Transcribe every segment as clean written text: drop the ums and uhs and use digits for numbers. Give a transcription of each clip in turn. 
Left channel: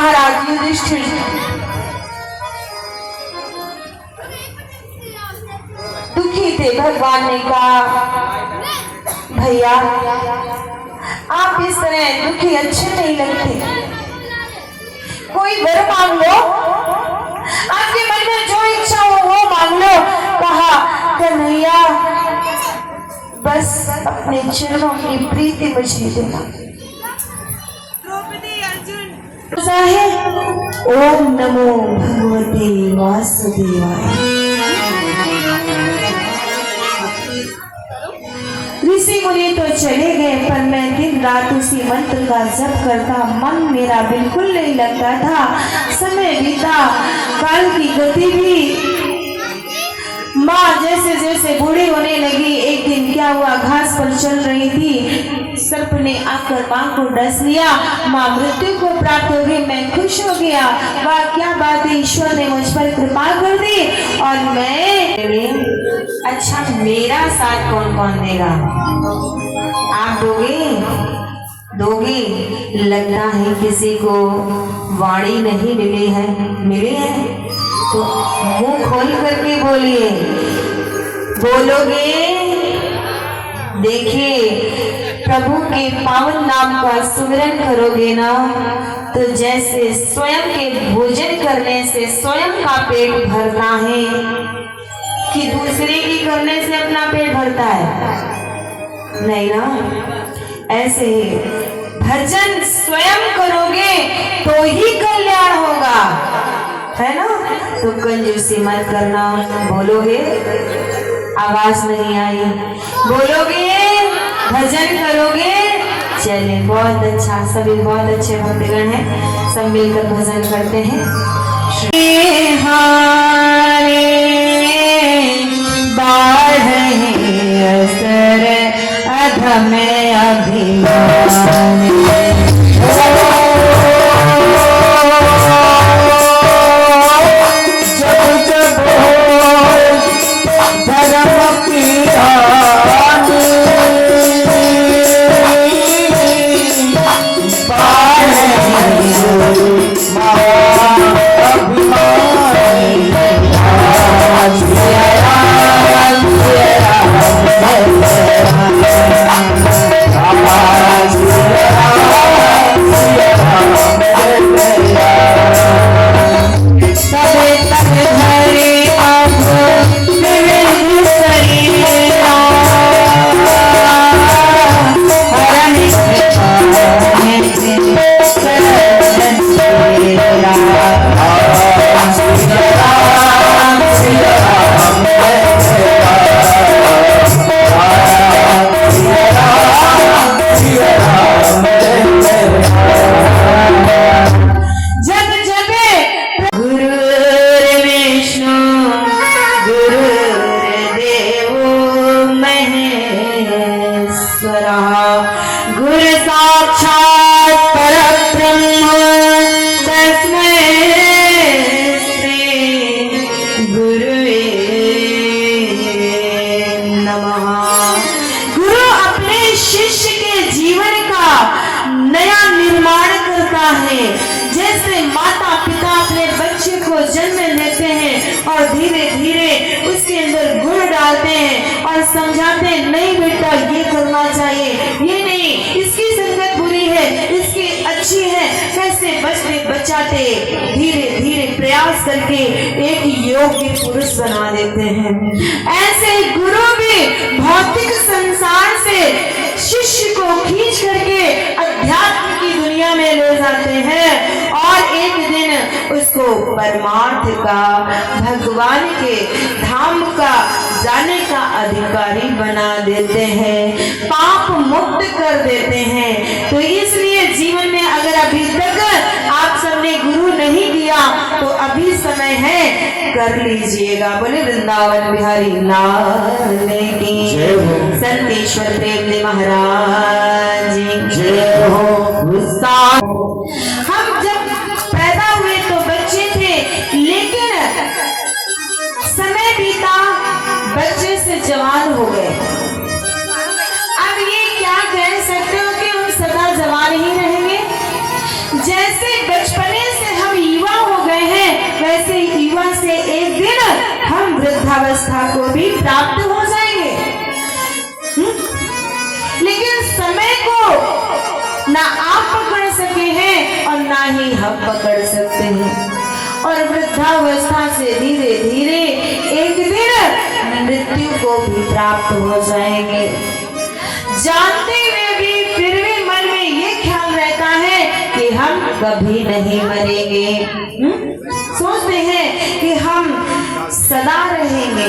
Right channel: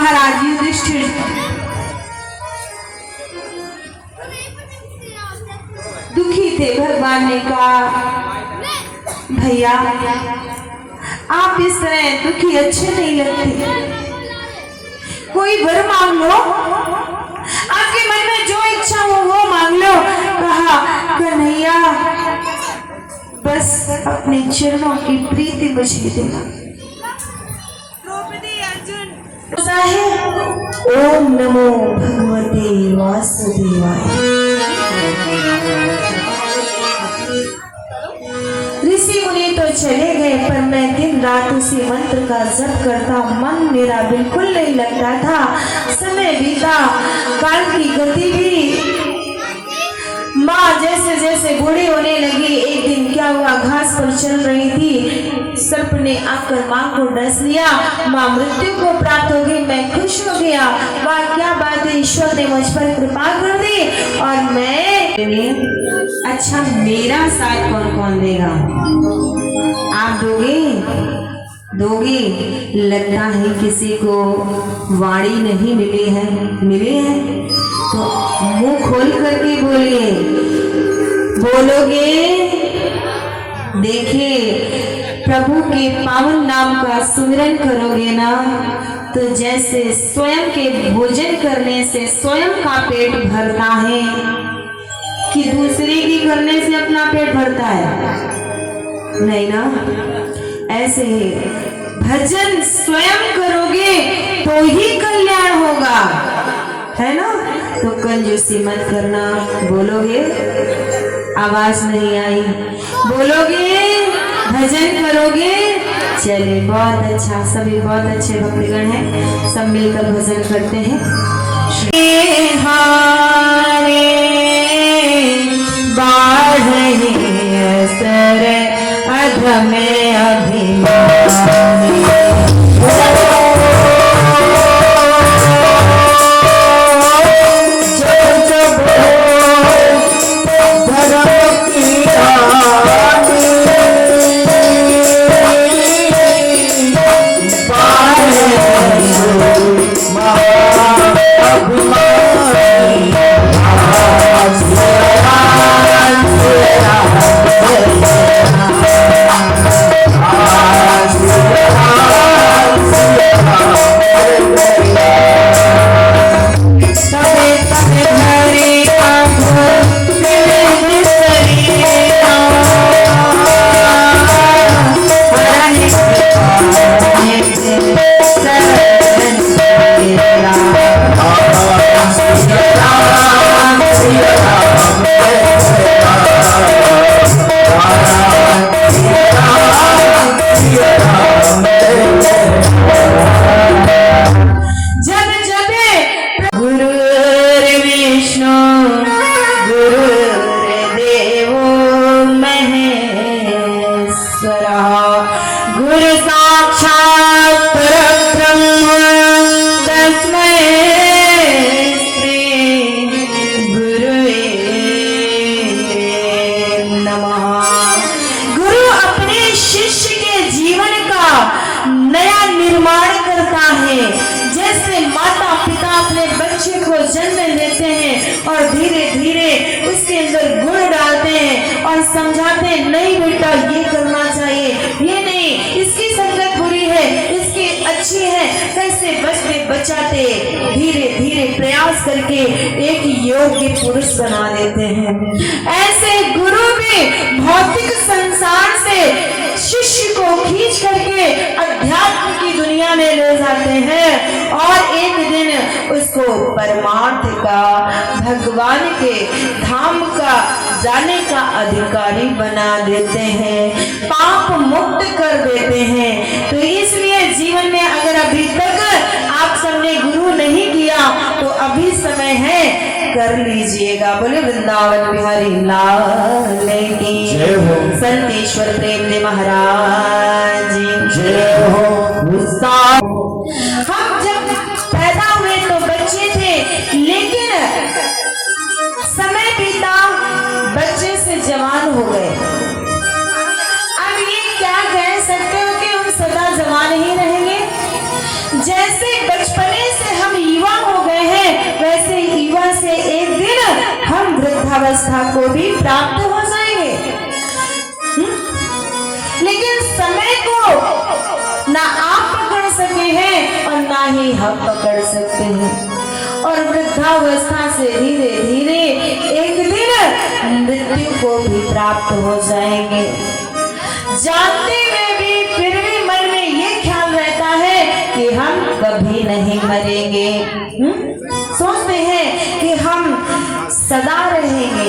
महाराज युधिष्ठिर दुखी थे। भगवान ने कहा, भैया आप इस तरह दुखी अच्छे नहीं लगते, कोई वर मांग लो, आपके मन में जो इच्छा हो वो मांग लो। कहा, कन्हैया बस अपने चरणों की प्रीति मुझे दे। द्रौपदी अर्जुन ओम नमो भगवते वासुदेवाय। ऋषि मुनि तो चले गए, पर मैं दिन रात उसी मंत्र का जप करता, मन मेरा बिल्कुल नहीं लगता था। समय बीता, काल की गति भी, माँ जैसे जैसे बूढ़ी होने लगी। एक दिन क्या हुआ, घास पर चल रही थी, सर्प ने आकर माँ को डस लिया, माँ मृत्यु को प्राप्त हो गई। मैं खुश हो गया, वाह क्या बात है, ईश्वर ने मुझ पर कृपा कर दी। और मैं अच्छा, मेरा साथ कौन कौन देगा? आप दोगे? लगता है किसी को वाणी नहीं मिली है। मिली है तो मुंह खोल करके बोलिए, बोलोगे? देखिए, प्रभु के पावन नाम का सुमिरन करोगे ना, तो जैसे स्वयं के भोजन करने से स्वयं का पेट भरता है कि दूसरे की करने से अपना पेट भरता है? नहीं ना। ऐसे ही भजन स्वयं करोगे तो ही कल्याण होगा, है ना। तो कंजूसी मत करना। बोलोगे? आवाज नहीं आई। बोलोगे? भजन करोगे? चलिए बहुत अच्छा, सभी बहुत अच्छे भक्तगण हैं, सब मिलकर भजन करते हैं। असर अधम अभिमान, जैसे माता पिता अपने बच्चे को जन्म देते हैं और धीरे धीरे उसके अंदर गुण डालते हैं और समझाते हैं, नहीं बेटा ये करना चाहिए, ये नहीं, इसकी संगत बुरी है, इसकी अच्छी है, कैसे बचते बचाते धीरे धीरे प्रयास करके एक योग्य पुरुष बना देते हैं। ऐसे गुरु भी भौतिक संसार से शिष्य को खींच करके अध्यात्म की दुनिया में ले जाते हैं और एक दिन उसको परमार्थ का, भगवान के धाम का जाने का अधिकारी बना देते हैं, पाप मुक्त कर देते हैं। तो इसलिए जीवन में अगर अभी तक आप सबने गुरु नहीं किया तो अभी समय है, कर लीजिएगा। बोले वृंदावन बिहारी लाल की संतेश्वर प्रेम दे महाराज जय हो। हम जब पैदा हुए तो बच्चे थे, लेकिन समय बीता, बच्चे से जवान हो गए। अब ये क्या कह सकते हो कि हम सदा जवान ही रहेंगे? जैसे बचपने प्राप्त हो जाएंगे। लेकिन समय को ना आप पकड़ सके हैं और ना ही हम पकड़ सकते हैं। और वृद्धावस्था से धीरे धीरे एक दिन मृत्यु को भी प्राप्त हो जाएंगे। जानते हुए भी फिर भी मन में ये ख्याल रहता है कि हम कभी नहीं मरेंगे। सोचते हैं कि हम सदा रहेंगे,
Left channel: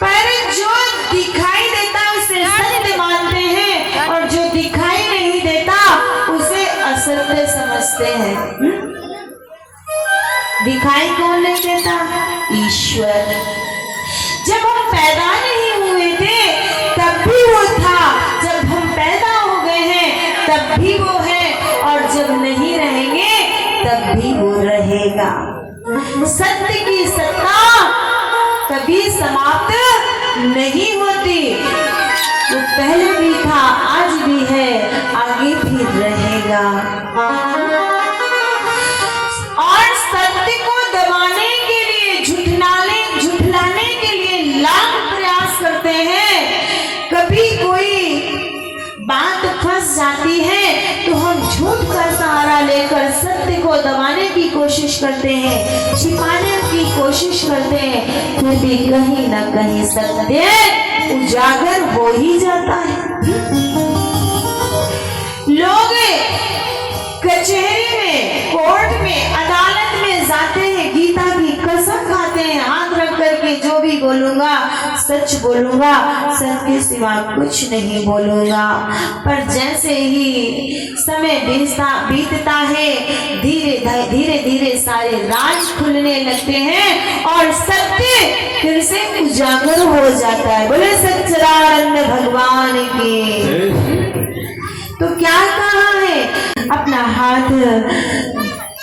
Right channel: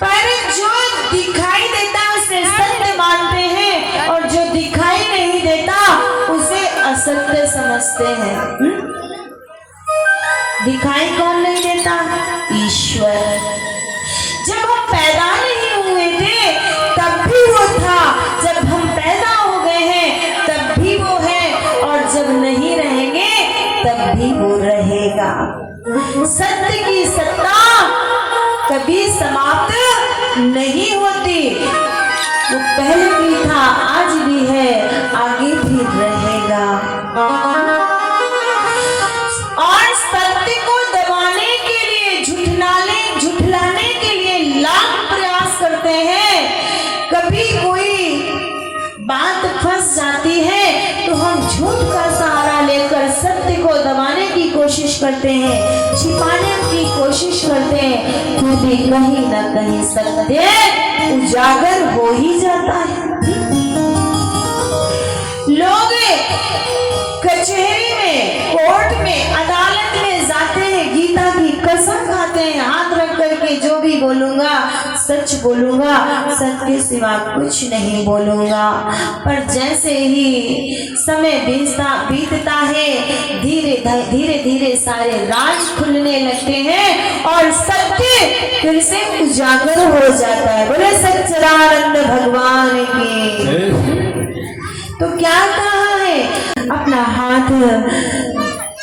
पर जो दिखाई देता उसे सत्य मानते हैं और जो दिखाई नहीं देता उसे असत्य समझते हैं। दिखाई कौन नहीं देता? ईश्वर। जब हम पैदा नहीं हुए थे तब भी वो था, जब हम पैदा हो गए हैं तब भी वो है, और जब नहीं रहेंगे तब भी वो रहेगा। सत्य की सत्ता कभी समाप्त नहीं होती। वो पहले भी था, आज भी है, आगे भी रहेगा। और सत्य को दबाने के लिए, झुठलाने के लिए लाख प्रयास करते हैं। कभी कोई बात फंस जाती है तो हम झूठ का सहारा लेकर सत्य को दबाने की कोशिश करते हैं, छिपाने की कोशिश करते हैं, तो भी कहीं ना कहीं सत्य उजागर हो ही जाता है। लोग कचहरी में, कोर्ट में, अदालत में जाते हैं, गीता की कसम खाते हैं, हाथ रख करके जो भी बोलूंगा सच बोलूंगा, सच के सिवा कुछ नहीं बोलूंगा। पर जैसे ही समय बीतता है, धीरे धीरे सारे राज खुलने लगते हैं और सत्य फिर से उजागर हो जाता है। बोले सच्चिदानंद भगवान की। तो क्या कहा है? अपना हाथ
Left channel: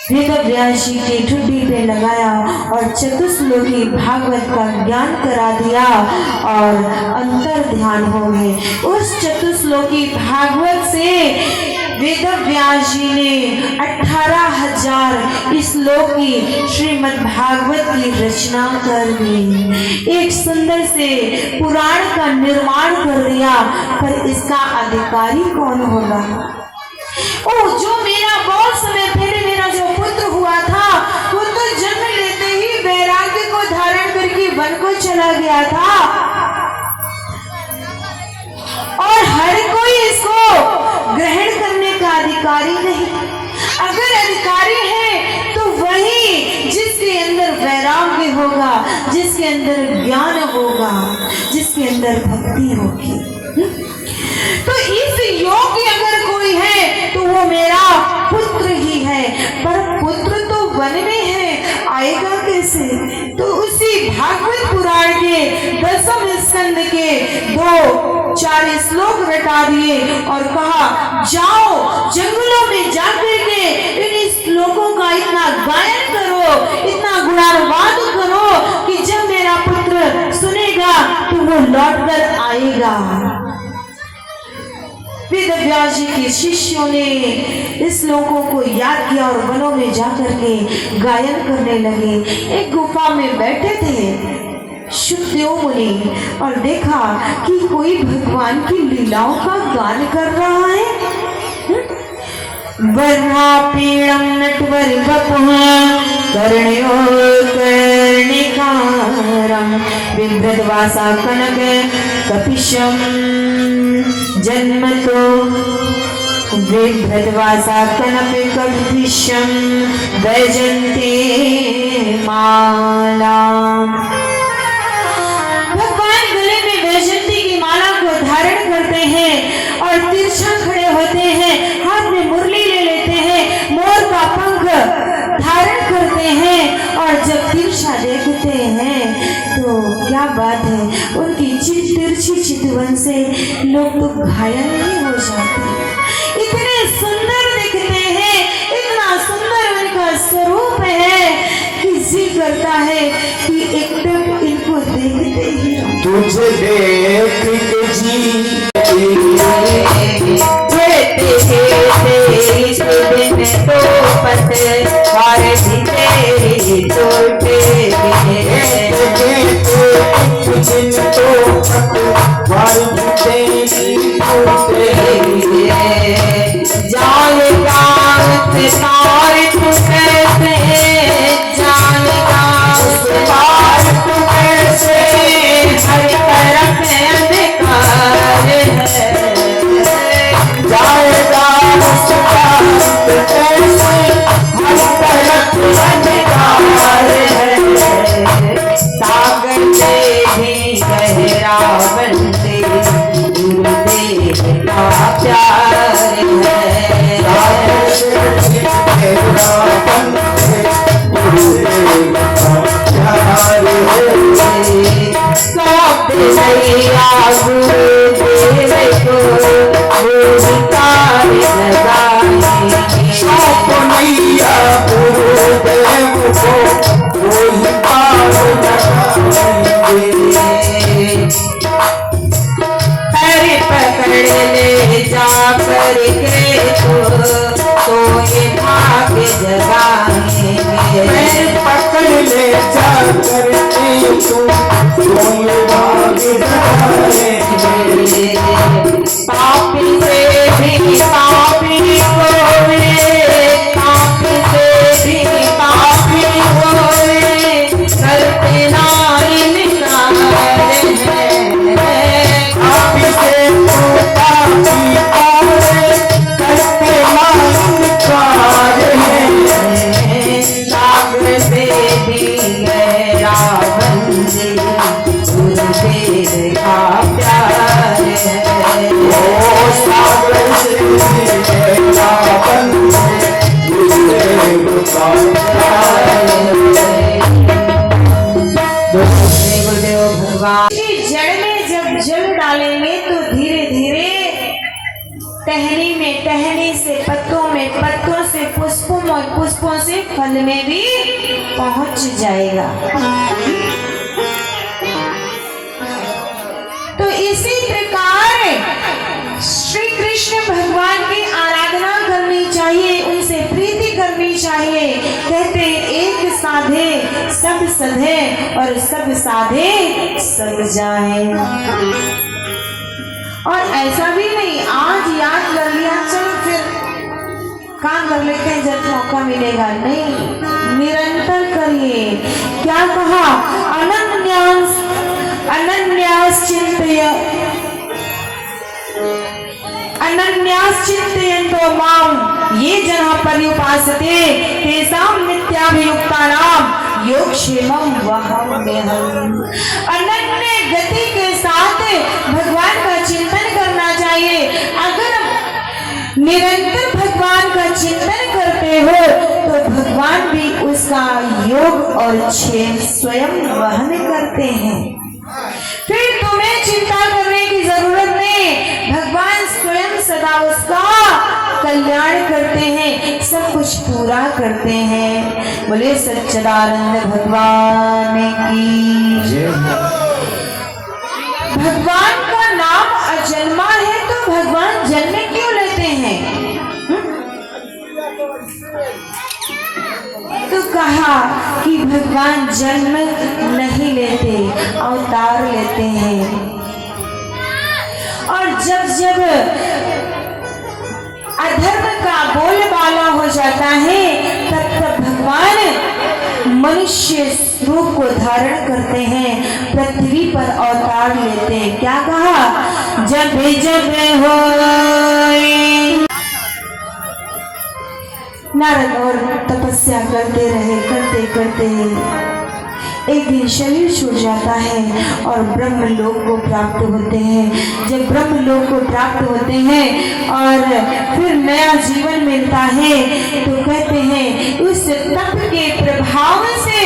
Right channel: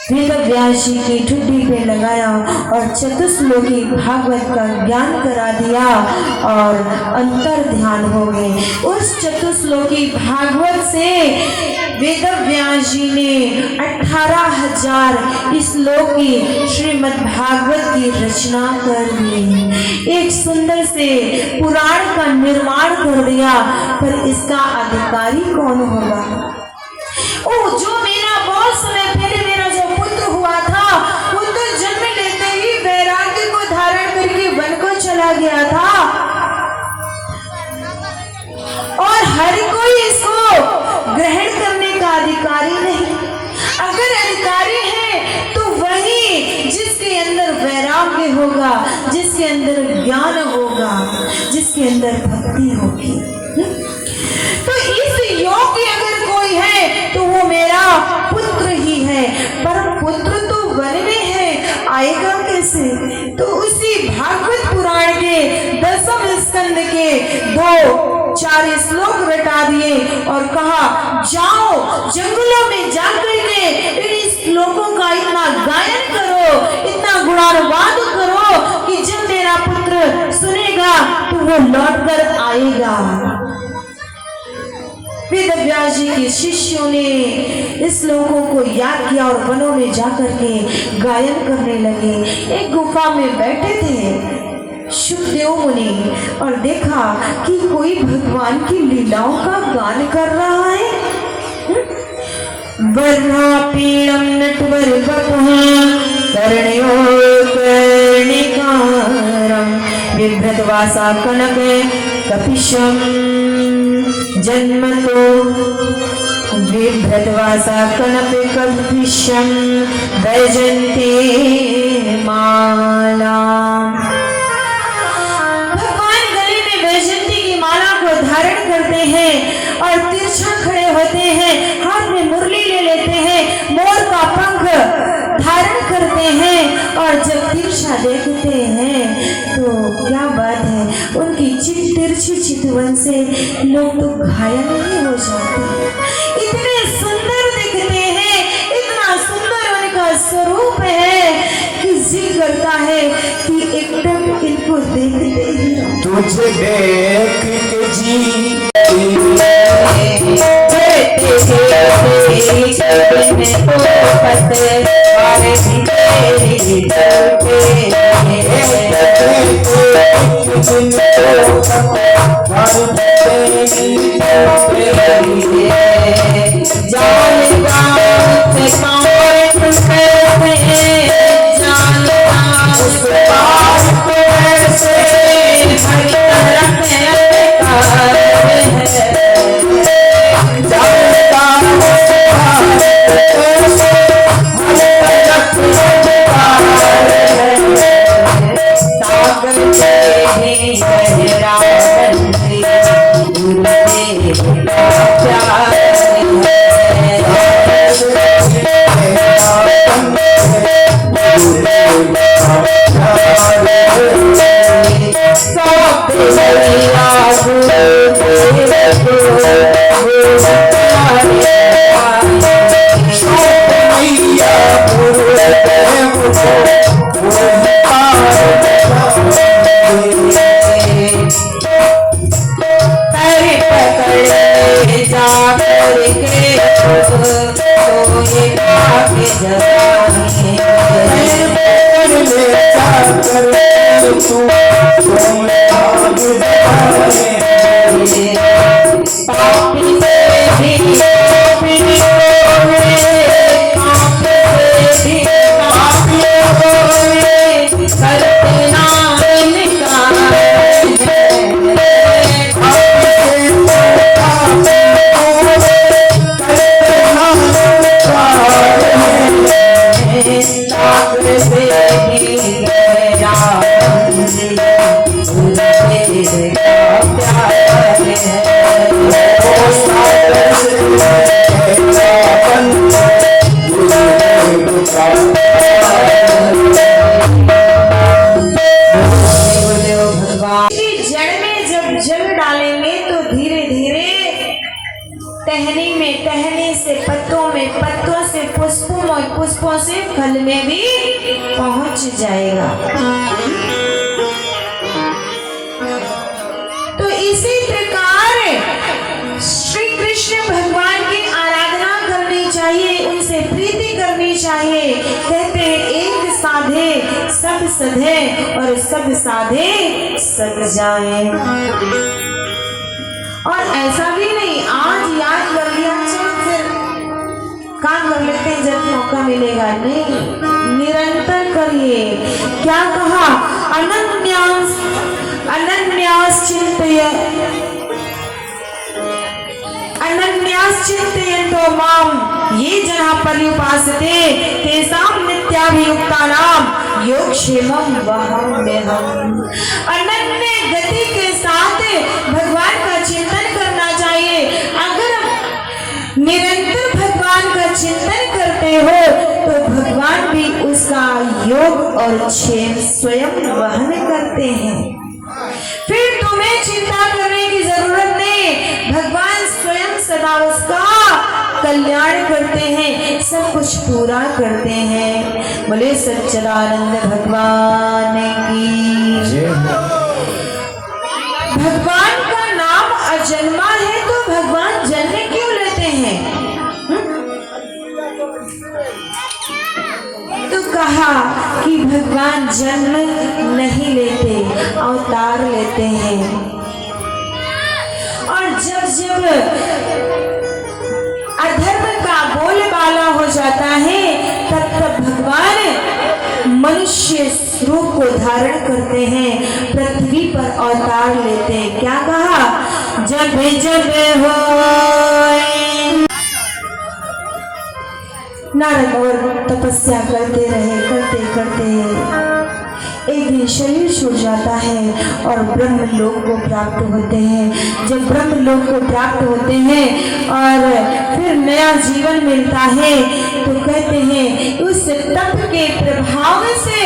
वेदव्यास जी की ठुड्डी पे लगाया और चतुश्लोकी भागवत का ज्ञान करा दिया और अंतर ध्यान हो गए। उस चतुश्लोकी भागवत से वेदव्यास जी ने 18,000 श्लोक की श्रीमद् भागवत की रचना कर दी। एक सुंदर से पुराण का निर्माण कर दिया। पर इसका अधिकारी कौन होगा? ओ, जो मेरा बहुत समय पहले मेरा जो पुत्र हुआ था, वो तो जन्म लेते ही वैराग्य को धारण करके वन को चला गया था, और हर कोई इसको ग्रहण करने का अधिकारी नहीं। अगर अधिकारी है तो वही जिसके अंदर वैराग्य होगा, जिसके अंदर ज्ञान होगा, जिसके अंदर भक्ति होगी। तो इस योग्य अगर कोई है तो वो मेरा पुत्र ही है। पर पुत्र तो वन में है, आएगा कैसे? तो उसी भागवत पुराण के 10वें स्कंद के 2-4 श्लोक रटा दिए और कहा, जाओ जंगलों में जाकर के इन श्लोकों का इतना गायन करो, इतना गुणानुवाद करो कि जब मेरा पुत्र सुनेगा तो वो लौट कर आएगा। वेदव्यास जी के शिष्यों ने इस श्लोकों को याद किया और वनों में जाकर के गायन करने लगे। एक गुफा में बैठे थे शुकदेव मुनि और देखा कि कोई भगवान की लीलाओं का गान कर रहा है। वर्णापीडं नटवर वपुः कर्णयो कर्णिकारं बिभ्रद्वासा कनक कपिशं जन्मतो बिभ्रद्वासा कनक कपिशं वैजन्ते माला। भगवान गले में वैजंती की माला को धारण करते हैं और तिरछा खड़े होते हैं, हाथ में मुरली ले लेते हैं, मोर का पंख धारण करते हैं और जब तिरछा देखते हैं तो क्या बात है, उनकी तिरछी चितवन से लोग तो घायल नहीं हो जाते। इतने सुंदर दिखते हैं, इतना सुंदर उनका स्वरूप है कि जी करता है कि एक टक इनको देखते ही तुझे देख के जी तेरी वही पार लगाएंगे। पैर पकड़ ले जा करके तो ये भाग जगाएंगे। पैर पकड़ ले जा करके तुम भाग जगाएंगे। पापी से भी पापी होए, पाप से भी पापी होए, करते ना इनकार है। पापी से तो पापी होए, करते ना इनकार है। पाप से भी गहरा बंदी, उनसे का प्यार है। ओ सागर से मेरा बंधन, गुरुदेव का प्यार गुरुदेव भगवान की जड़ में जब जल डालेंगे तो धीरे धीरे टहनी में, टहनी से पत्तों में, पत्तों से पुष्पों में, पुष्पों से फल में भी पहुंच जाएगा। तो इसी प्रकार श्री कृष्ण भगवान की आराधना करनी चाहिए, उनसे प्रीति करनी चाहिए। कहते हैं एक साधे सब सधे और सब साधे सब जाए। और ऐसा भी नहीं आज याद कर लिया चलो फिर काम कर लेते हैं जब मौका मिलेगा, नहीं, निरंतर करिए। क्या कहा? अनन्यास अनन्यास चिंतय अनन्यास चिंतयन्तो माम ये जहाँ पर्युपासते तेषां नित्याभियुक्तानां योगक्षेमं वहाम्यहम्। अनन्य गति के साथ भगवान का चिंतन करना चाहिए। अगर निरंतर भगवान का चिंतन करते हो तो भगवान भी उसका योग और क्षेम स्वयं वहन करते हैं। फिर तुम्हें चिंता करने की जरूरत नहीं, भगवान स्वयं सदा उसका कल्याण करते हैं, सब कुछ पूरा करते हैं। बोले सच्चिदानंद भगवान की जय। भगवान का नाम अजन्मा है तो भगवान जन्म क्यों लेते हैं? तो कहा कि भगवान जन्म नहीं लेते, अवतार लेते हैं। और जब जब अधर्म का बोलबाला हो जाता है तब तब भगवान मनुष्य रूप को धारण करते हैं, पृथ्वी पर अवतार लेते हैं। क्या कहा? जब जब हो नारद और तपस्या करते रहे, करते करते एक दिन शरीर छूट जाता है और ब्रह्म लोक को प्राप्त होते हैं। जब ब्रह्म लोक को प्राप्त होते हैं और फिर नया जीवन मिलता है तो कहते हैं उस तप के प्रभाव से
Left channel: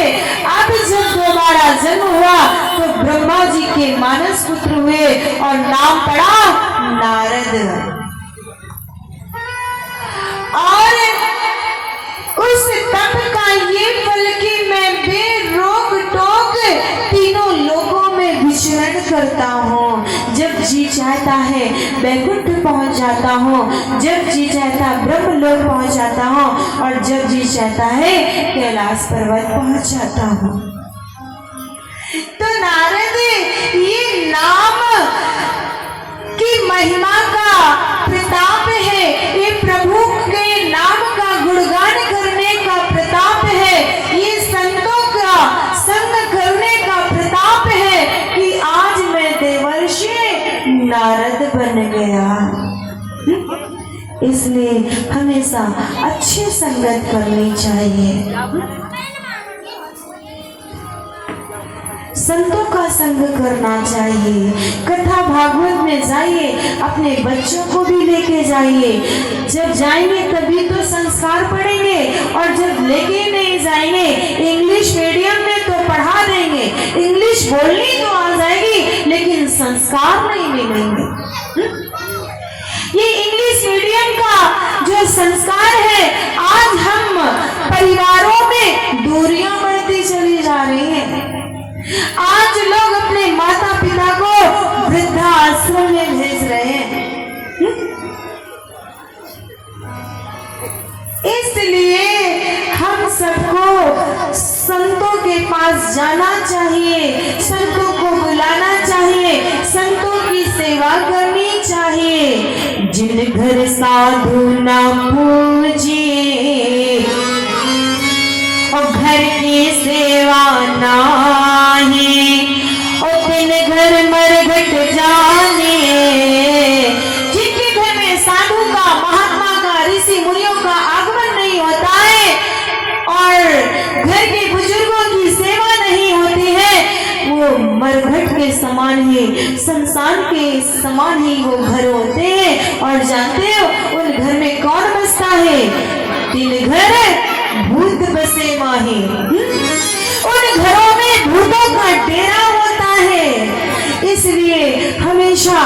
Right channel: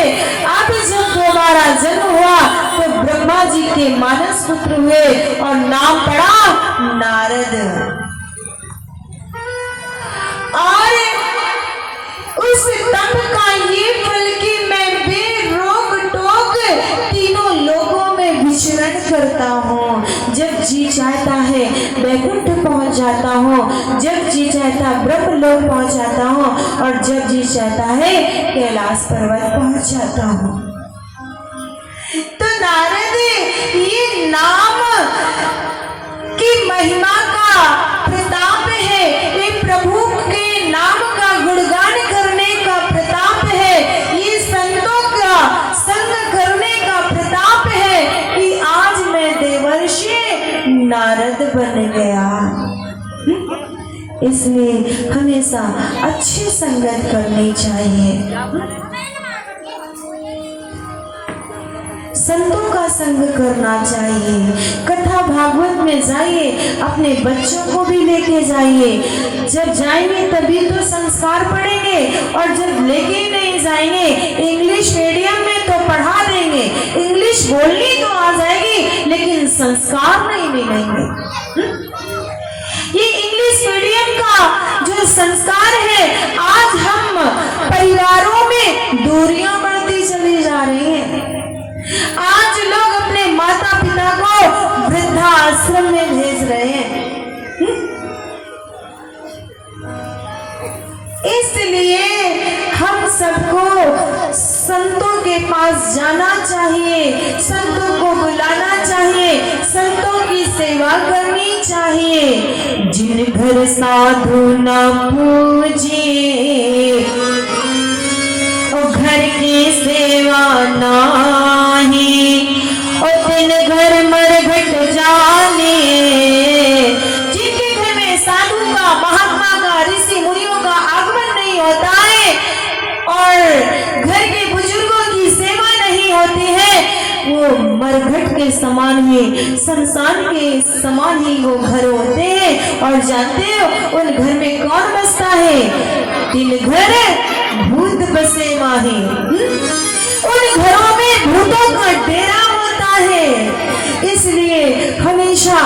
अब जब दोबारा जन्म हुआ तो ब्रह्मा जी के मानस पुत्र हुए और नाम पड़ा नारद। और उस तप का ये फल कि मैं बेरोक टोक तीनों लोगों में विचरण करता हूँ। जब जी चाहता है वैकुंठ पहुँच जाता हूँ, जब जी चाहता ब्रह्म लोक पहुँच जाता हूँ और जब जी चाहता है कैलाश पर्वत पहुँच जाता हूँ। तो नारद ये नाम की महिमा का प्रताप है, ये प्रभु के नाम का गुणगान करने का प्रताप है, ये संतों का संग करने का प्रताप है कि आज मैं देवर्षि नारद बन गया। इसलिए हमेशा अच्छी संगत करनी चाहिए, संतों का संग करना चाहिए। कथा भागवत में जाइए, अपने बच्चों को भी लेके जाइए। जब जाएंगे तभी तो संस्कार पढ़ेंगे और जब लेके नहीं जाएंगे इंग्लिश मीडियम में तो पढ़ा देंगे, इंग्लिश बोलनी तो आ जाएगी लेकिन संस्कार नहीं मिलेंगे। ये इंग्लिश मीडियम का जो संस्कार है आज हम परिवारों में दूरियां पास जाना चाहिए, संतों को बुलाना चाहिए, संतों की सेवा करनी चाहिए। जिन घर साधु न पूजे और घर की सेवा नाही, और दिन घर मरघट जाने। जिनके घर में साधु का, महात्मा का, ऋषि मुनियों का आगमन नहीं होता है और घर के बुजुर्गों की सेवा नहीं होती है, वो मरघट के समान ही, शमशान के समान ही वो घर होते हैं। और जानते हो उन घर में कौन बसता है? तीन घर भूत बसे माही। उन घरों में भूतों का डेरा होता है। इसलिए हमेशा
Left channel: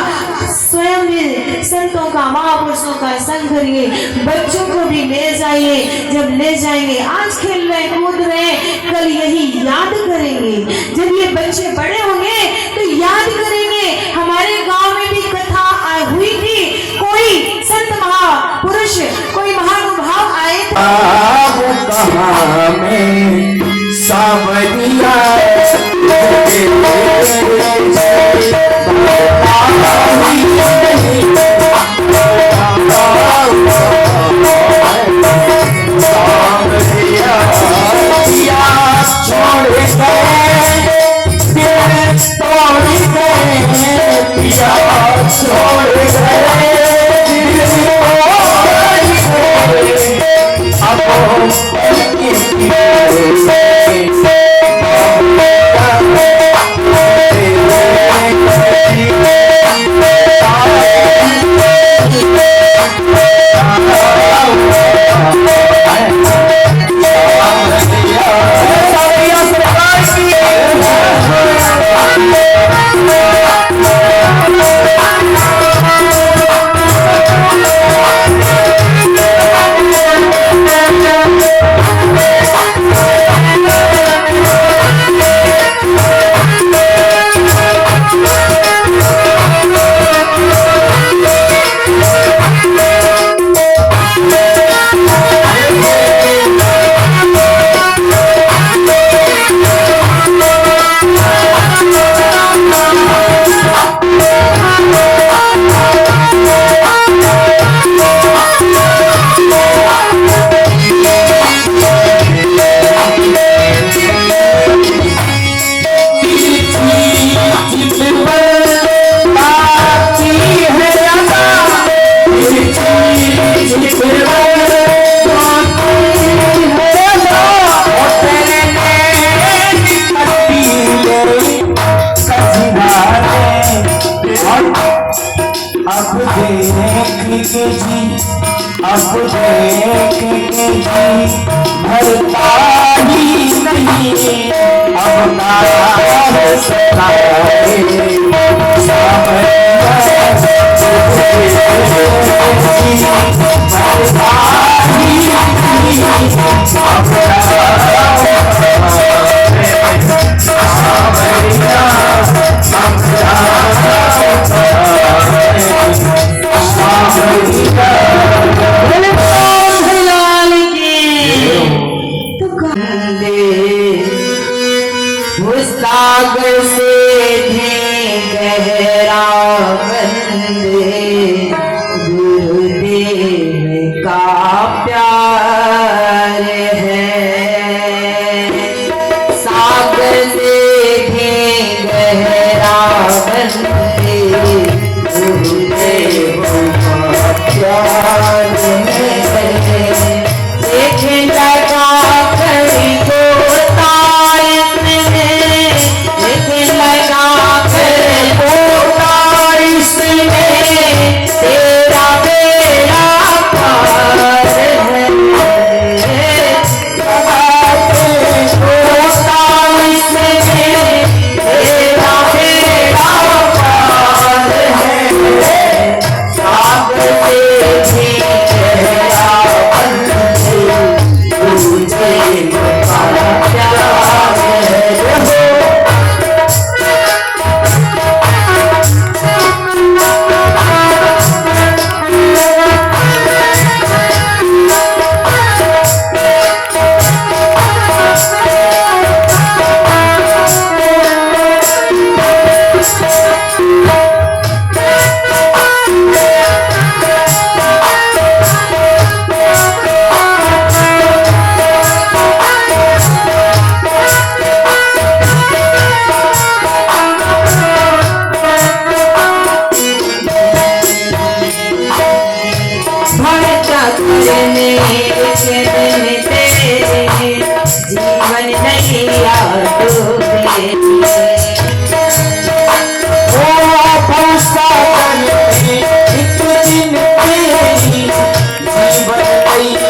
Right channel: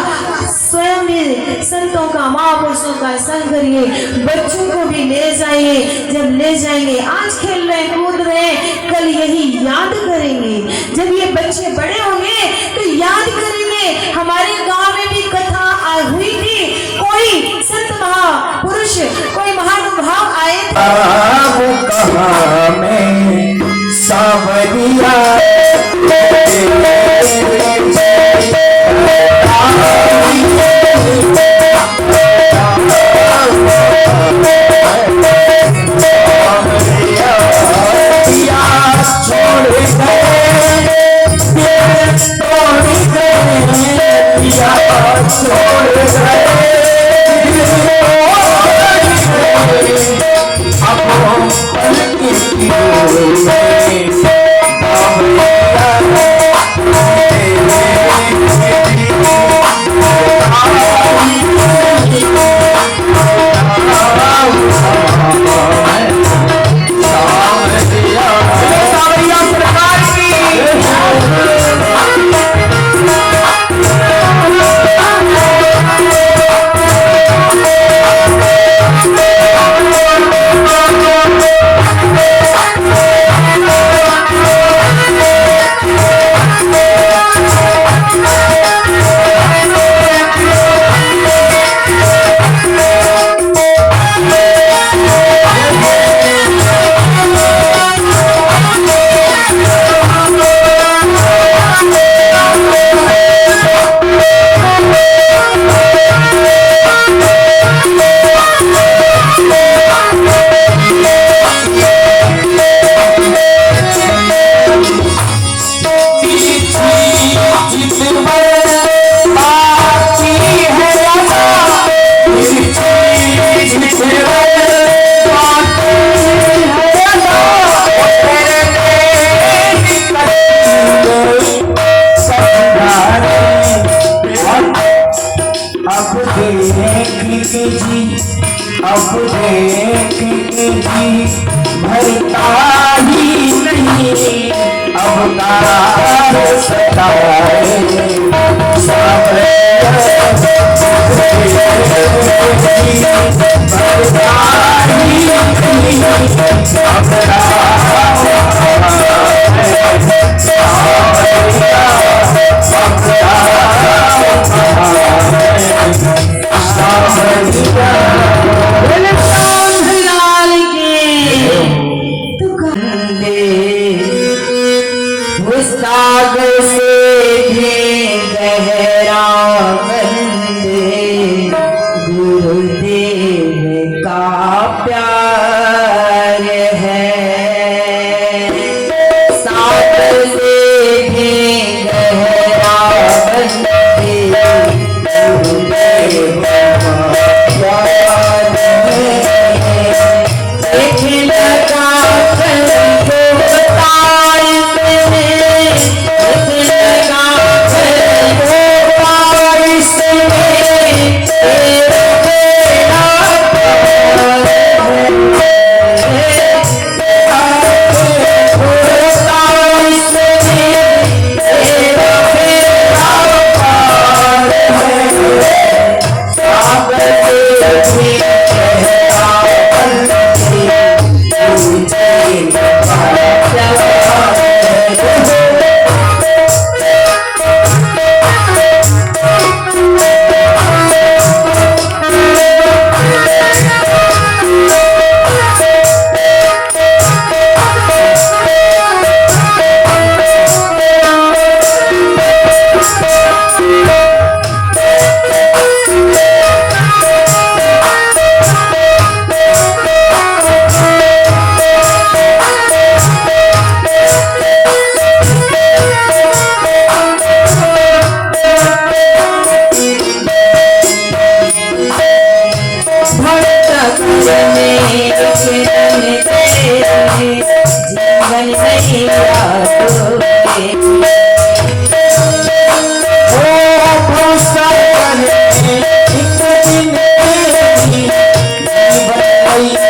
स्वयं भी संतों का, महापुरुषों का संग करिए। बच्चों को भी ले जाइए। जब ले जाएंगे, आज खेल रहे कूद रहे, कल यही याद करेंगे। जब ये बच्चे बड़े होंगे तो याद करेंगे, हमारे गांव में भी कथा हुई थी, कोई संत महापुरुष, कोई महानुभाव आए थे। अब कहाँ में सावरिया ओ भवसागर में एक दिन तेरी जीवन मैया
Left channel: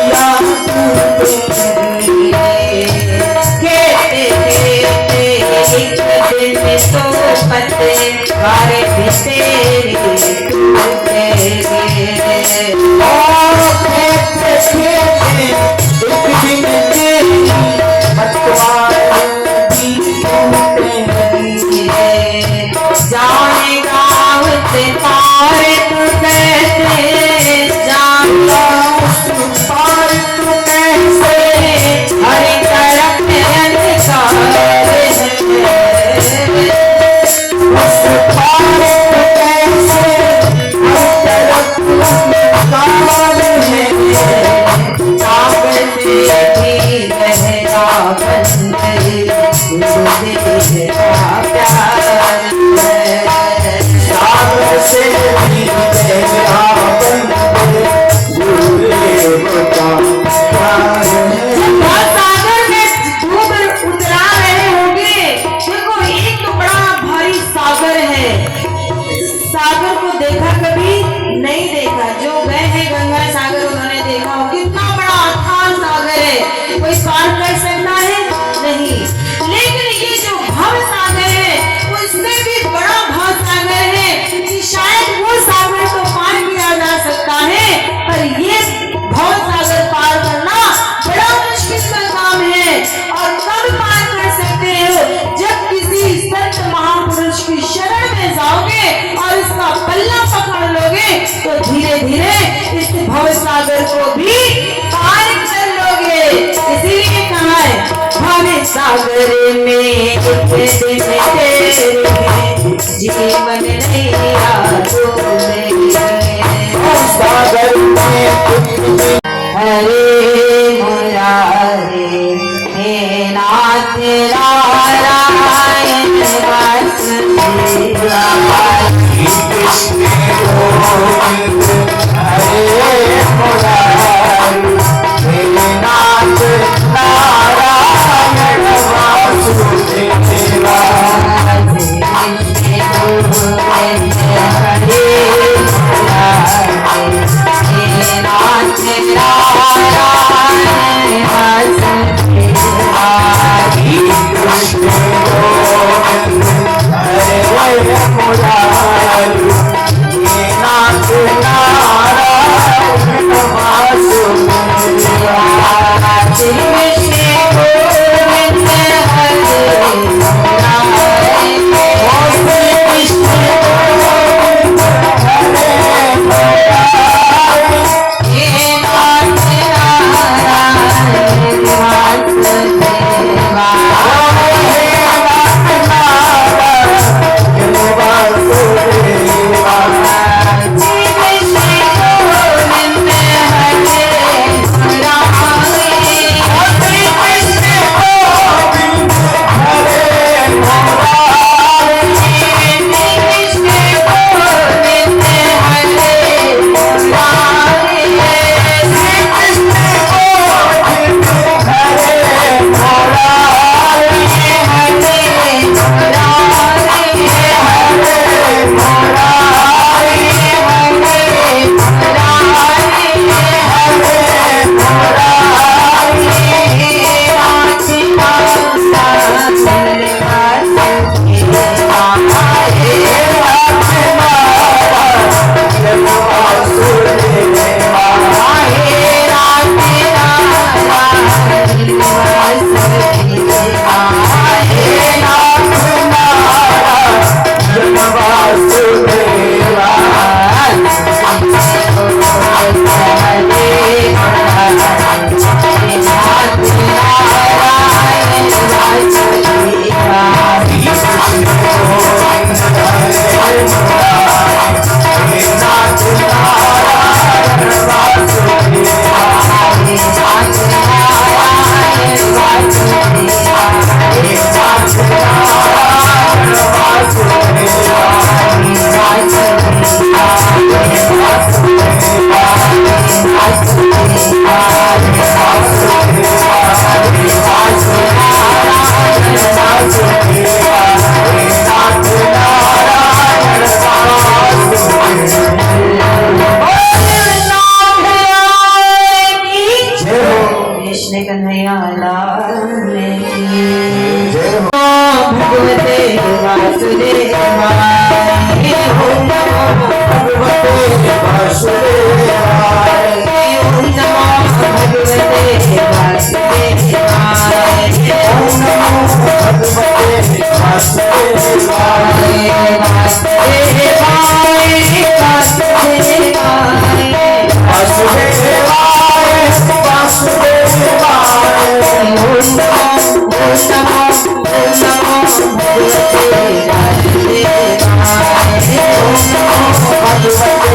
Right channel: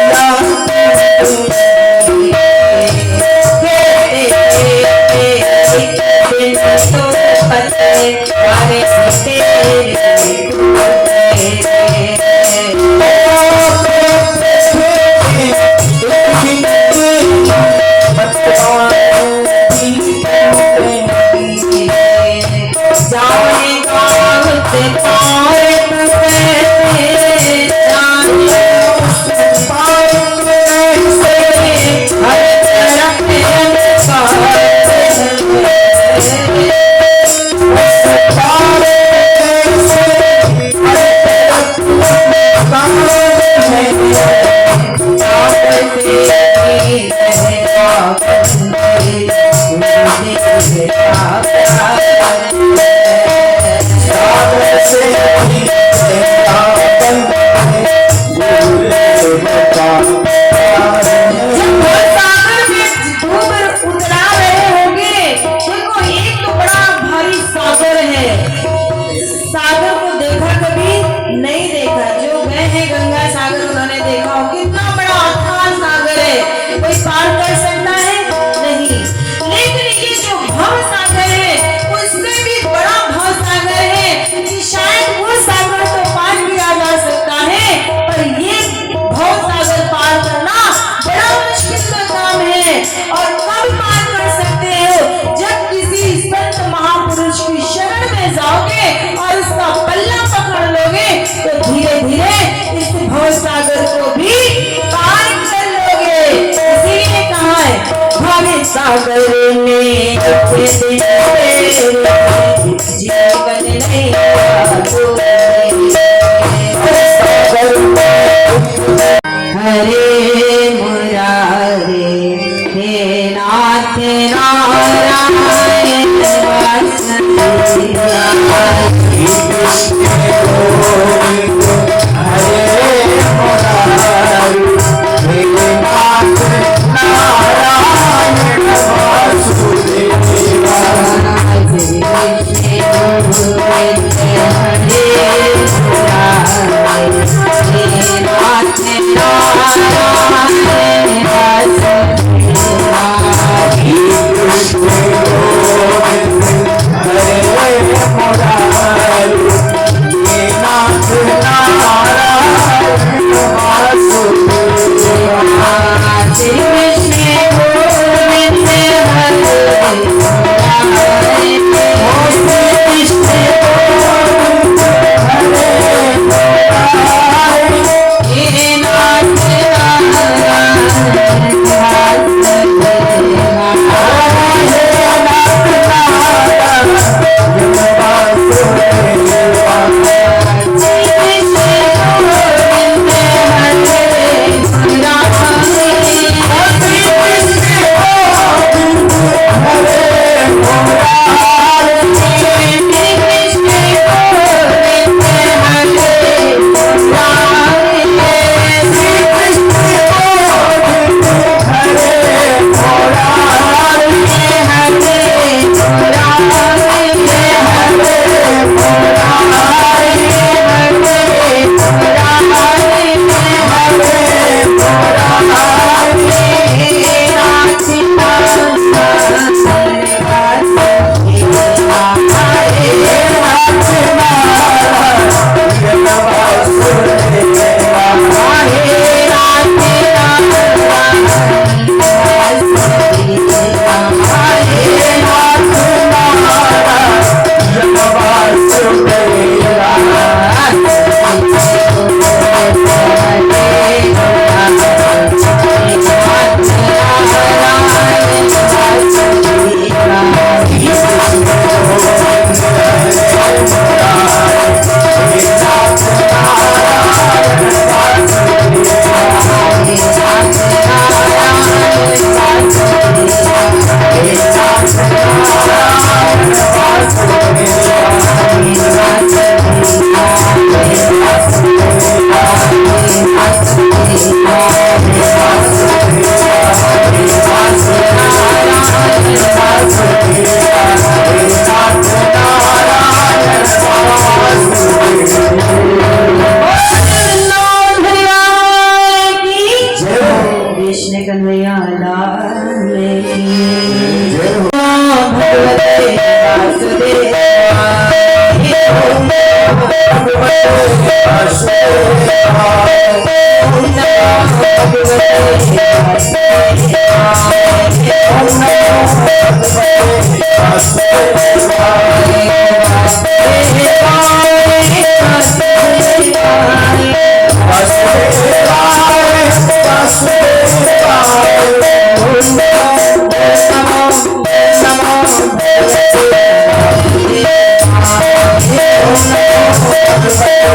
सागर को देखा कभी नहीं देखा, जो गए हैं गंगा सागर उन्होंने देखा हो, कितना बड़ा अथाह सागर है, कोई पार कर सकता है नहीं। लेकिन ये जो भव सागर है उससे भी बड़ा भव सागर है कि शायद वो सागर तो पार किया जा सकता है, पर ये भव सागर पार करना बड़ा मुश्किल का काम है। और कब पार कर सकते हो, जब किसी संत महापुरुष की शरण में जाओगे और उसका पल्ला पकड़ लोगे तो धीरे धीरे इस भव सागर को भी पार कर लोगे। इसीलिए कहा है भव सागर में एक दिन तेरे जीवन नैया डूबे। सागर में हरे मुरारे हे नाथ नारायण वासुदेवाय। कृष्ण गोविंद हरे मुरारी हे नाथ नारायण वासुदेवा। हरे कृष्ण कन्हैया लाल की। जय हो। भगवते वासुदेवाय, ओम नमो भगवते वासुदेवाय, ओम नमो भगवते वासुदेवाय, ओम नमो भगवते वासुदेवाय, वासुदेवाय, वासुदेवाय, ओम नमो भगवते वासुदेवाय,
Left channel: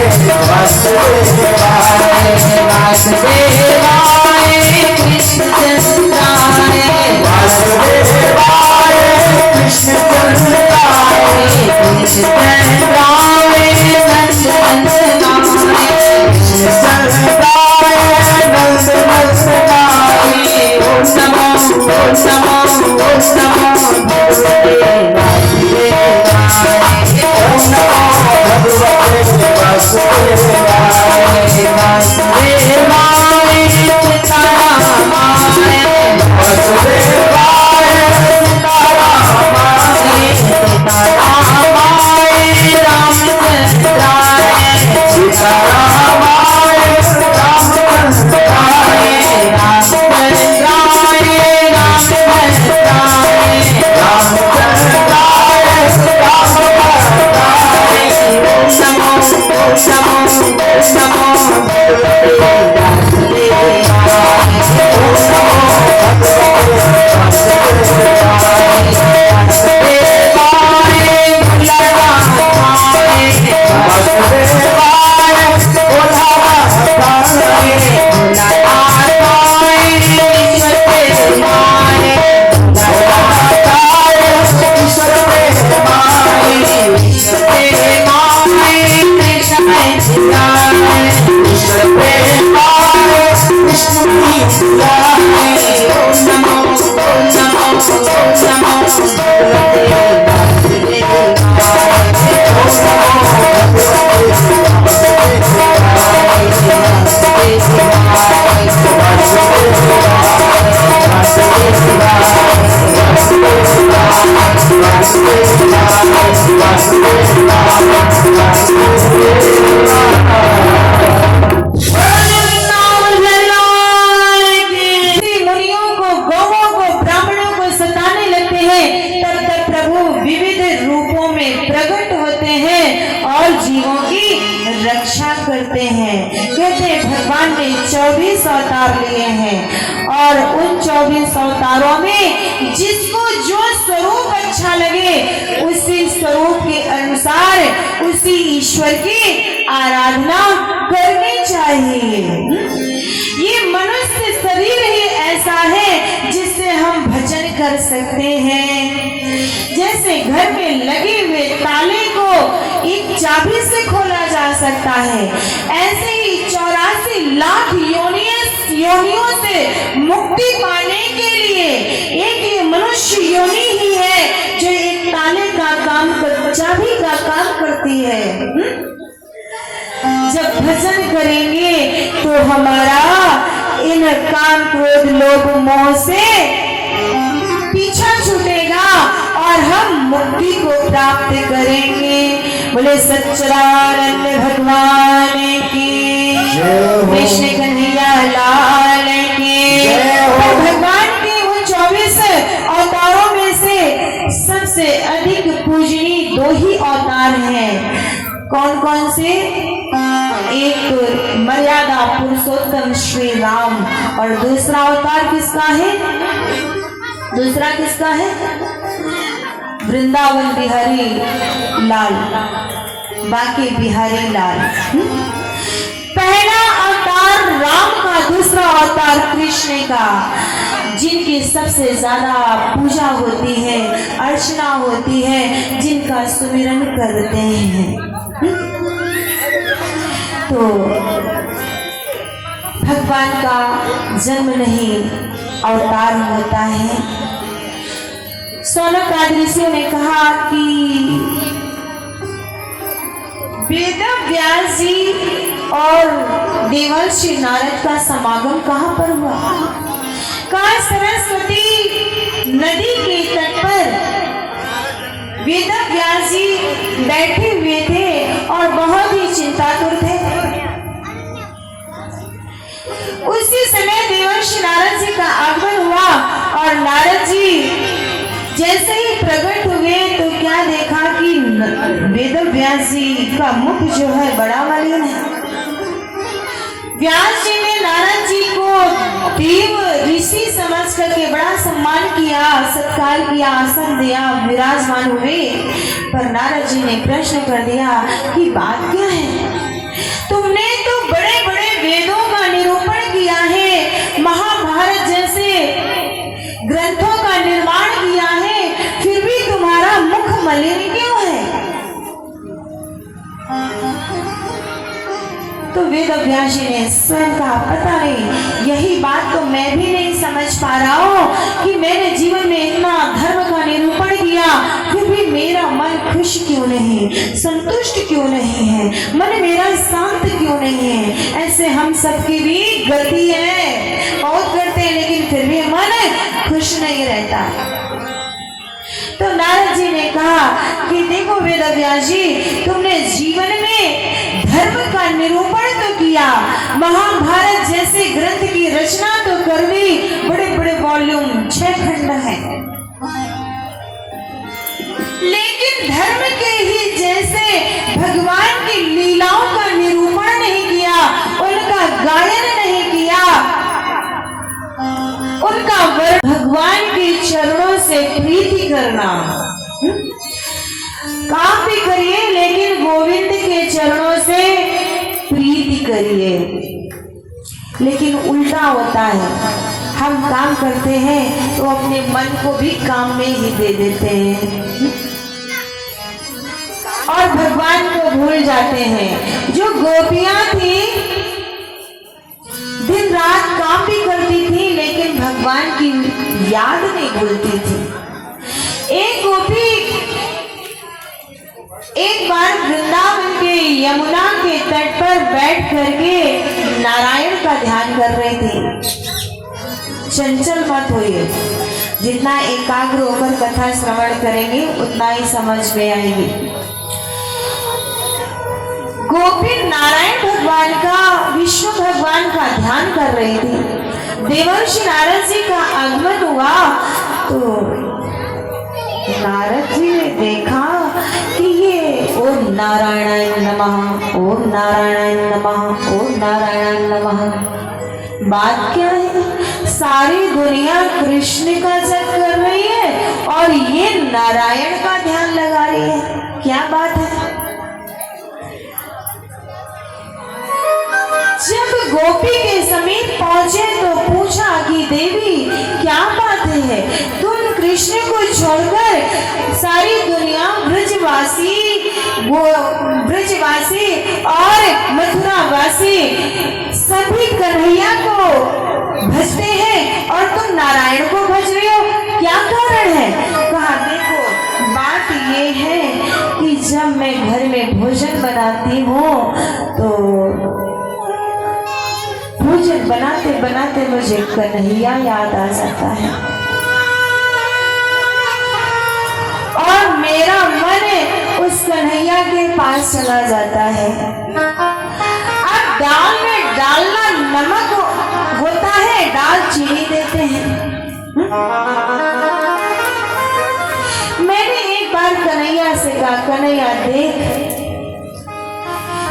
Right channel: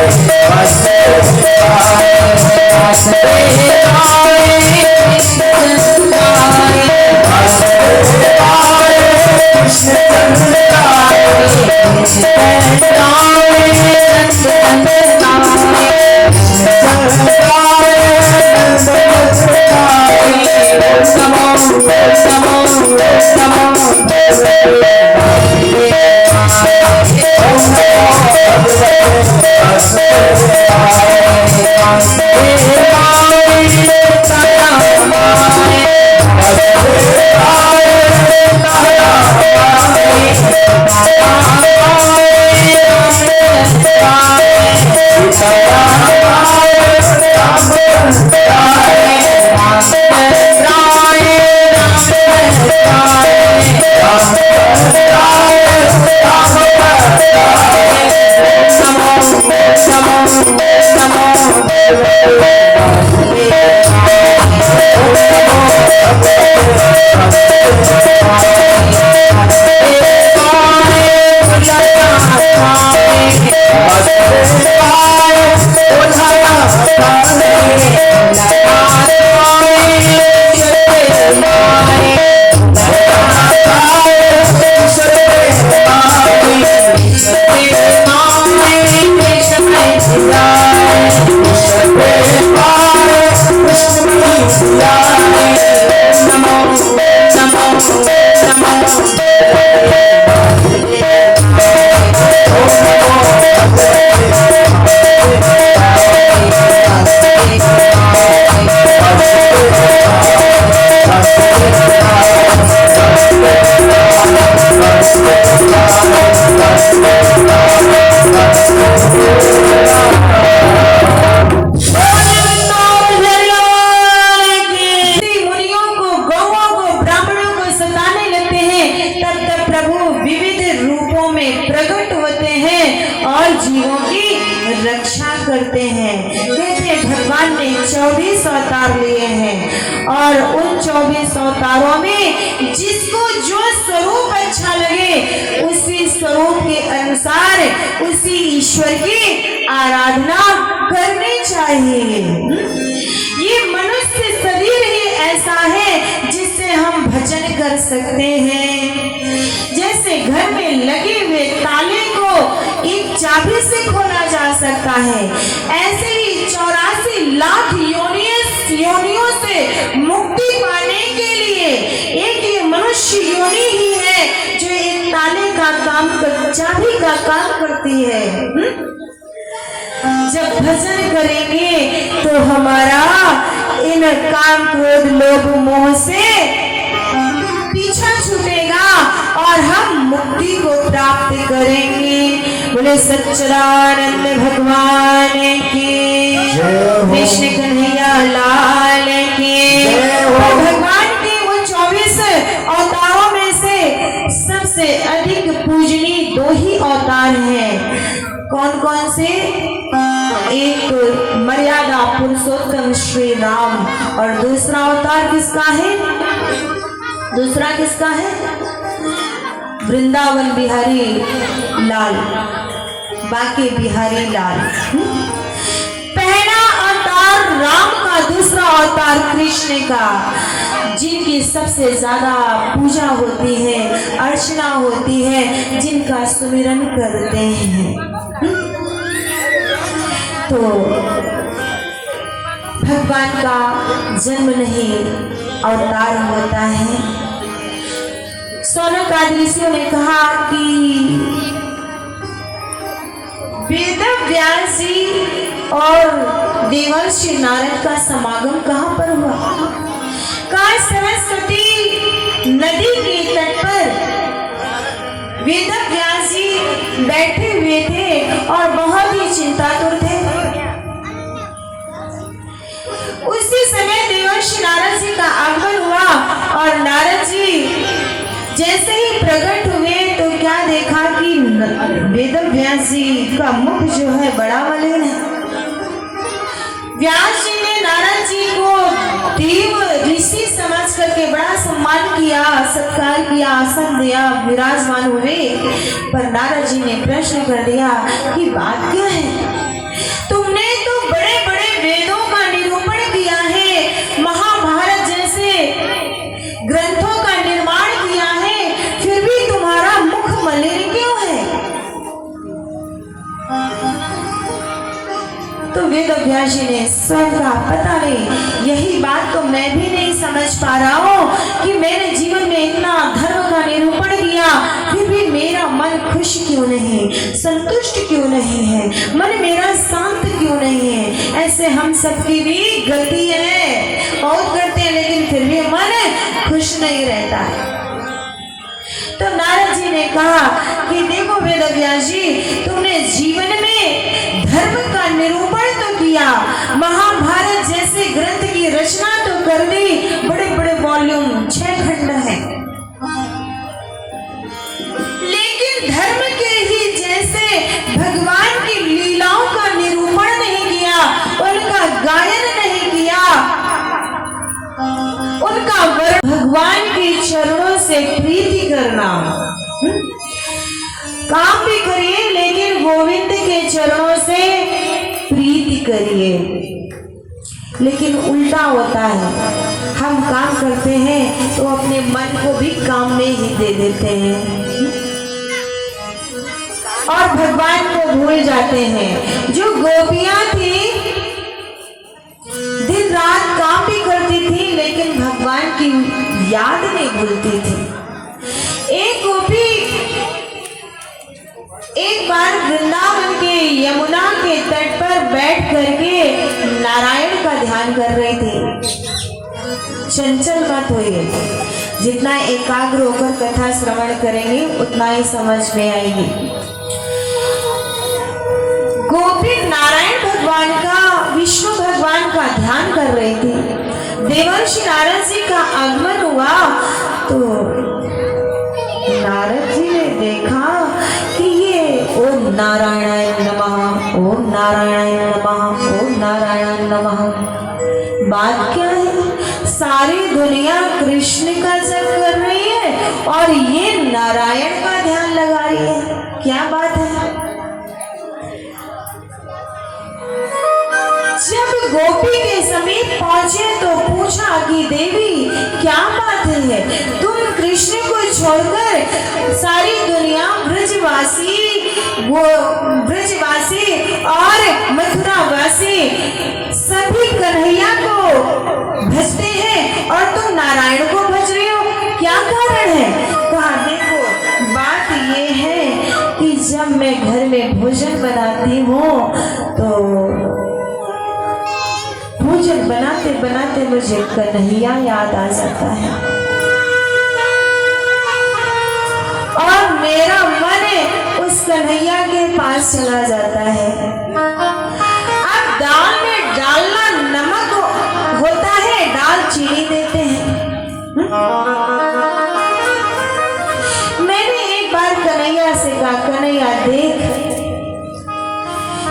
वासुदेवाय कृष्णचंद्राय, वासुदेवाय कृष्णचंद्राय, कृष्णचंद्राय नंदनंदनाय, कृष्णचंद्राय नंदनंदनाय, ओम नमो भगवते वासुदेवाय, ओम नमो भगवते वासुदेवाय, वासुदेवाय सीतारामाय, वासुदेवाय सीतारामाय, सीतारामाय रामचंद्राय, सीतारामाय रामचंद्राय, रामचंद्राय रामचंद्राय, रामचंद्राय रामचंद्राय, नमो भगवते वासुदेवाय, ओम नमो भगवते वासुदेवाय, वासुदेवाय भोलानाथाय, वासुदेवाय भोलानाथाय, भोलानाथाय ईश्वर प्रेमाय, भोलानाथाय ईश्वर प्रेमाय, ईश्वर प्रेमाय कृष्ण प्रेमाय, ईश्वर प्रेमाय विष्णु प्रियाय, ओम नमो भगवते वासुदेवाय, ओम नमो भगवते मुनियों को, गौओं को, ब्राह्मणों को सताने लगते हैं, तब तब प्रभु विविध रूपों में प्रकट होते हैं और जीवों की रक्षा करते हैं। कहते हैं भगवान ने 24 अवतार लिए हैं और उन 24 अवतारों में जिसको जो स्वरूप अच्छा लगे उसी स्वरूप के अनुसार उसी ईश्वर की आराधना करनी चाहिए। ये मनुष्य शरीर ही ऐसा है जिससे हम भजन कर सकते हैं। जैसे घर में लगे हुए ताले को एक चाबी से खोला जा सकता है, ऐसे ही 84 लाख योनियों से मुक्ति पाने के लिए एक ये मनुष्य योनि ही है जो एक ताले का काम चाबी का काम करती है। जब भजन करेंगे तो हमारा इन काम क्रोध लोभ मोह से पीछा छूटेगा और हम मुक्ति को प्राप्त करेंगे। बोले सच्चिदानंद भगवान की, कृष्ण कन्हैया लाल की। भगवान के उन 24 अवतारों में से सबसे अधिक पूजनीय 2 ही अवतार हैं। कौन कौन से? एक मर्यादा पुरुषोत्तम श्री राम और दूसरा अवतार किसका है? दूसरा किसका है? वृंदावन बिहारी लाल, बाकी बिहारी लाल। पहला अवतार राम का, दूसरा अवतार कृष्ण का, जिनकी सबसे ज्यादा पूजा होती है, अर्चना होती है, जिनका सुमिरन करते हैं। तो भगवान का जन्म नहीं अवतार होता है। सोनक आदि ऋषियों ने कहा कि वेद व्यास जी और देवर्षि नारद का समागम कहाँ पर हुआ? कहा सरस्वती नदी के तट पर वेद व्यास जी बैठे हुए थे और बहुत ही चिंतातुर थे। उसी समय देवर्षि नारद जी का आगमन हुआ और नारद जी जैसे ही प्रकट हुए तो क्या देखा कि वेद व्यास जी का मुख जो है बड़ा मलिन है। व्यास जी ने नारद जी को देव ऋषि समझ करके बड़ा सम्मान किया, सत्कार किया, आसन दिया, विराजमान हुए। पर नारद जी ने प्रश्न कर दिया कि बात क्या है? तुमने तो बड़े बड़े वेदों का निरूपण किया है, महाभारत जैसे ग्रंथों का निर्माण किया है, फिर भी तुम्हारा मुख मलिन क्यों है? तो वेद व्यास जी ने स्वयं कहा, पता नहीं, यही बात तो मैं भी नहीं समझ पा रहा हूँ कि मैंने जीवन में इतना धर्म का निरूपण किया, फिर भी मेरा मन खुश क्यों नहीं, संतुष्ट क्यों नहीं है, मन मेरा शांत क्यों नहीं है। ऐसे हम सबकी भी गलती है, बहुत करते हैं लेकिन फिर भी मन खुश नहीं रहता। तो नारद जी ने कहा कि देखो वेद व्यास जी, तुमने जीवन में धर्म का निरूपण तो किया, महाभारत जैसे ग्रंथ की रचना तो कर दी, बड़े बड़े वॉल्यूम 6 खंड है, लेकिन धर्म के ही जैसे भगवान की लीलाओं का निरूपण नहीं किया, उनका गायन नहीं किया, उनका वर्ण भगवान के चरणों से प्रीति करना। काम भी करिए लेकिन गोविंद के चरणों से प्रीति करिए। लेकिन उल्टा होता है, हम काम करते हैं तो अपने मन को भी काम में ही दे देते हैं और भगवान को भूल जाते हैं। जो गोपियां थी दिन रात काम भी करती थी लेकिन भगवान की याद नहीं भूलती थी। एक गोपी एक बार वृंदावन के यमुना के तट पर बैठ करके नारायण का ध्यान कर रही थी। चंचल मत होइए, जितना एकाग्र होकर कथा श्रवण करेंगे उतना ही समझ में आएगी। गोपी नारायण भगवान का, विष्णु भगवान का ध्यान कर रही थी। देवर्षि नारद जी का आगमन हुआ तो नारद जी ने देखा कि ये ओम नारायणाय नमः, ओम नारायणाय नमः, ओम नारायणाय नमः। बात क्या है? सारी दुनिया कृष्ण का जप कर रही है और ये नारायण का ध्यान लगा रही है। क्या बात है? जब गोपी के समीप पहुंचे तो पूछा कि देवी क्या बात है, तुम कृष्ण को छोड़कर सारी दुनिया ब्रजवासी और मथुरावासी सभी कन्हैया को भजते हैं और तुम नारायण को भज रहे हो, क्या कारण है? कहा देखो बात ये है कि जब मैं घर में भोजन बनाती हूँ तो भोजन बनाते बनाते मुझे कन्हैया याद आ जाता है और मेरा मन उस कन्हैया के पास चला जाता है। अब दाल में डालना नमक होता है, दाल चीनी देते हैं। मैंने एक बार कन्हैया से कहा, कन्हैया देख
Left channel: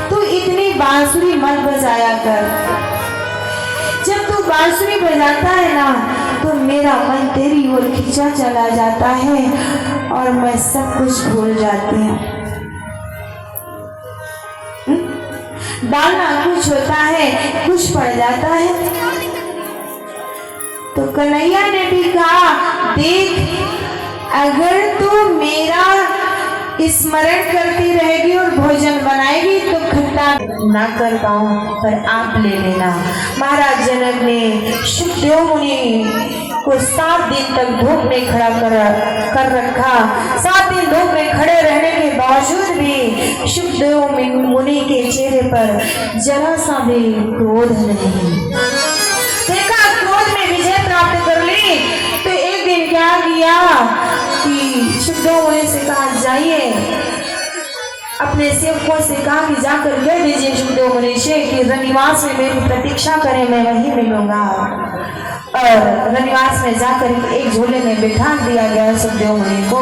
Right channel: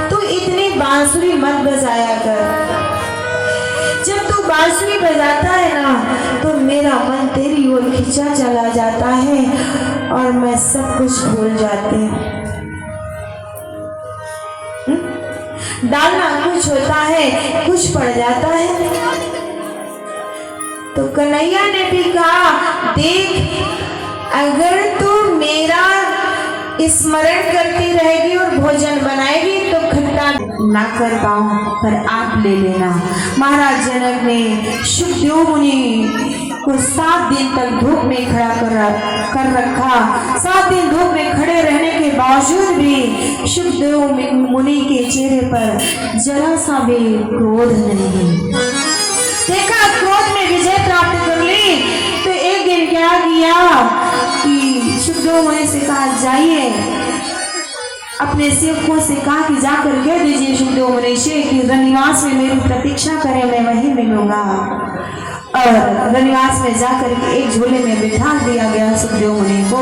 तू इतनी बांसुरी मत बजाया कर, जब तू बांसुरी बजाता है ना तो मेरा मन तेरी ओर खींचा चला जाता है और मैं सब कुछ भूल जाती हूँ। डालना कुछ होता है, कुछ पड़ जाता है। तो कन्हैया ने भी कहा देख, अगर तू मेरा स्मरण करती रहेगी और भोजन बनाएगी तो खट्टा ना कर पाऊं, पर आप ले लेना। महाराज जनक ने सुखदेव मुनि को 7 दिन तक धूप में खड़ा कर रखा। 7 दिन धूप में खड़े रहने के बावजूद भी सुखदेव मुनि के चेहरे पर जरा सा भी क्रोध नहीं। देखा क्रोध में विजय प्राप्त कर ली अपने सेवकों से कहा कि जाकर कह दीजिए सुखदेव मुनि से कि रनिवास में मेरी प्रतीक्षा करें, मैं वहीं मिलूंगा। और रनिवास में जाकर के एक झोले में बिठा दिया गया सुखदेव मुनि को।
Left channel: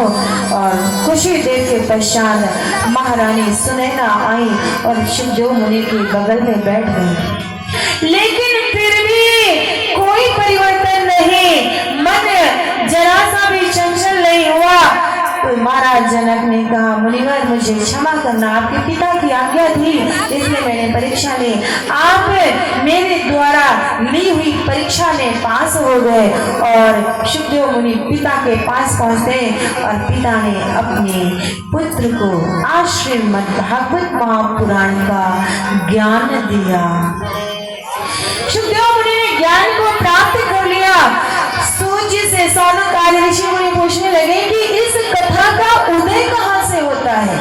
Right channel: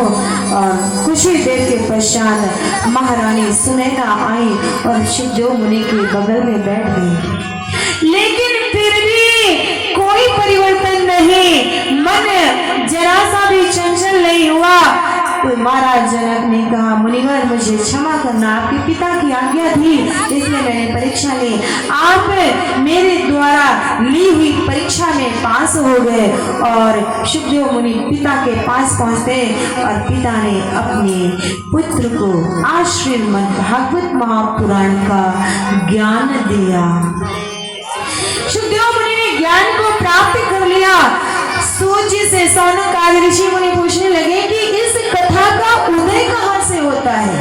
और कुछ ही देर के पश्चात महारानी सुनैना आई और सुखदेव मुनि के बगल में बैठ गई। लेकिन फिर भी कोई परिवर्तन नहीं, मन जरा सा भी चंचल नहीं हुआ। तो महाराज जनक ने कहा, मुनिवर मुझे क्षमा करना, आपके पिता की आज्ञा थी इसलिए मैंने परीक्षा ली। आप मेरे द्वारा ली हुई परीक्षा में पास हो गए। और सुखदेव मुनि पिता के पास पहुंचते और पिता ने अपने पुत्र को आज श्रीमद् भागवत महापुराण का ज्ञान दिया। सुखदेव मुनि ने ज्ञान को प्राप्त कर लिया। सूर्य से सौनक आदि ऋषि मुनि पूछने लगे कि इस कथा का उदय कहाँ से होता है,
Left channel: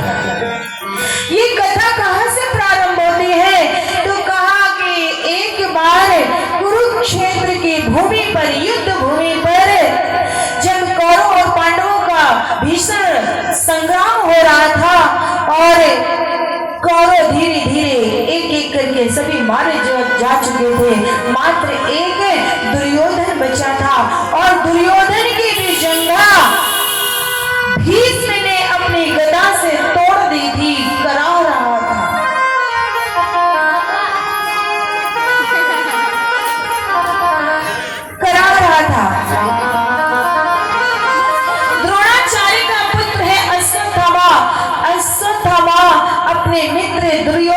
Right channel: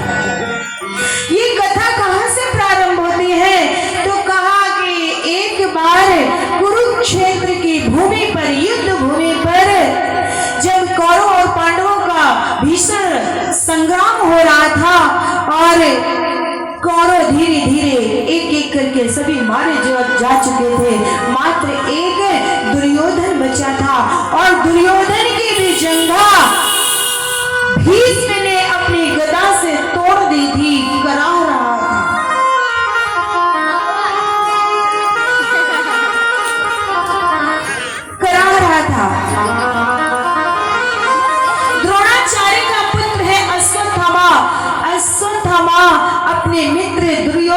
ये कथा कहाँ से प्रारंभ होती है। तो कहा कि एक बार कुरुक्षेत्र की भूमि पर, युद्ध भूमि पर जब कौरव और पांडवों का भीषण संग्राम हो रहा था और कौरव धीरे धीरे एक एक करके सभी मारे जा चुके थे, मात्र एक दुर्योधन बचा था। और दुर्योधन की भी जंघा भीष्म ने अपनी गदा से तोड़ दी थी, करा रहा था। द्रोणाचार्य का पुत्र है अश्वत्थामा। अश्वत्थामा अपने मित्र दुर्योधन